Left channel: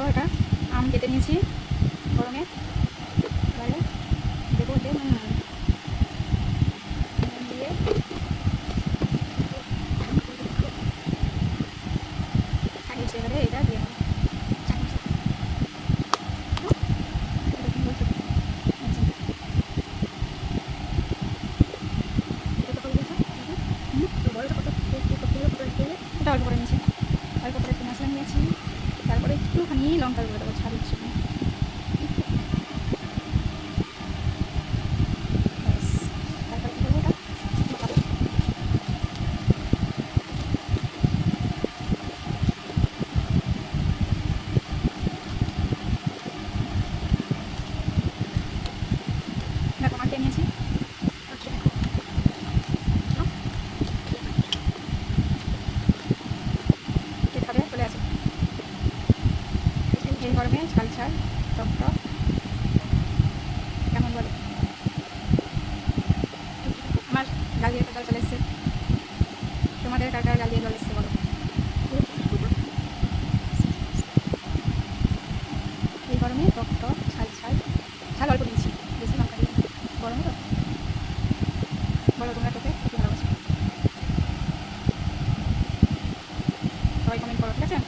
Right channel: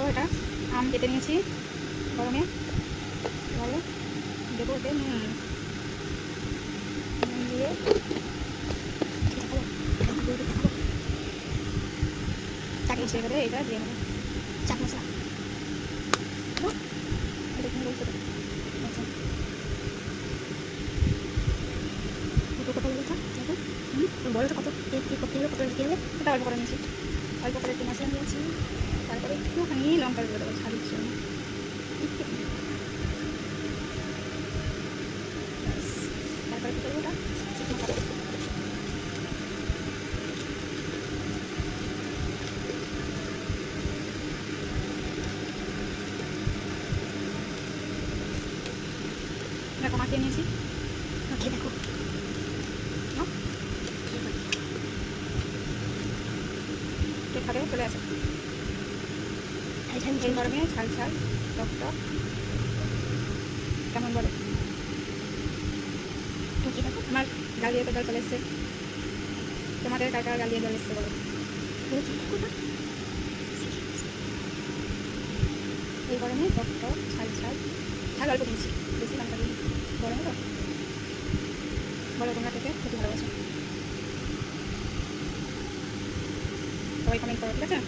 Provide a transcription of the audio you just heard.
দেখো এটা আম কেটে নিয়েছি গরমে ভালো দেবো ওতে দিয়ে চাকিয়েছি এবারে এটা দিয়ে নেব চাট মশলা এরকম বলছো? আচ্ছা। দেখো। বড়টা কত কত কত দিতে হবে? এটা অল্প করে নিয়েছি অল্প করে মশলা নিয়েছি তারপরে একটুখানি লঙ্কা গুঁড়ো দেবো ঝালের জন্য। দেখো মাখিয়ে নিয়েছি মাখিয়ে দেখো নাও। একটু খাবে চলে আসে এই গরমে ঝাল টক কেমন বলে? আমার গালিয়ে তো চলে এসছে। তোমাদের কার কার গালিয়ে জল এসছে বলো? এই গরমে টক টক ঝাল ঝাল ঝাল অল্প দিয়েছি। বেশি লঙ্কা দিয়ে গরমে তো বলো তোমরা খেতে খেতে ভালোবাসো। সবাই কমেন্ট করো, ঠিক আছে?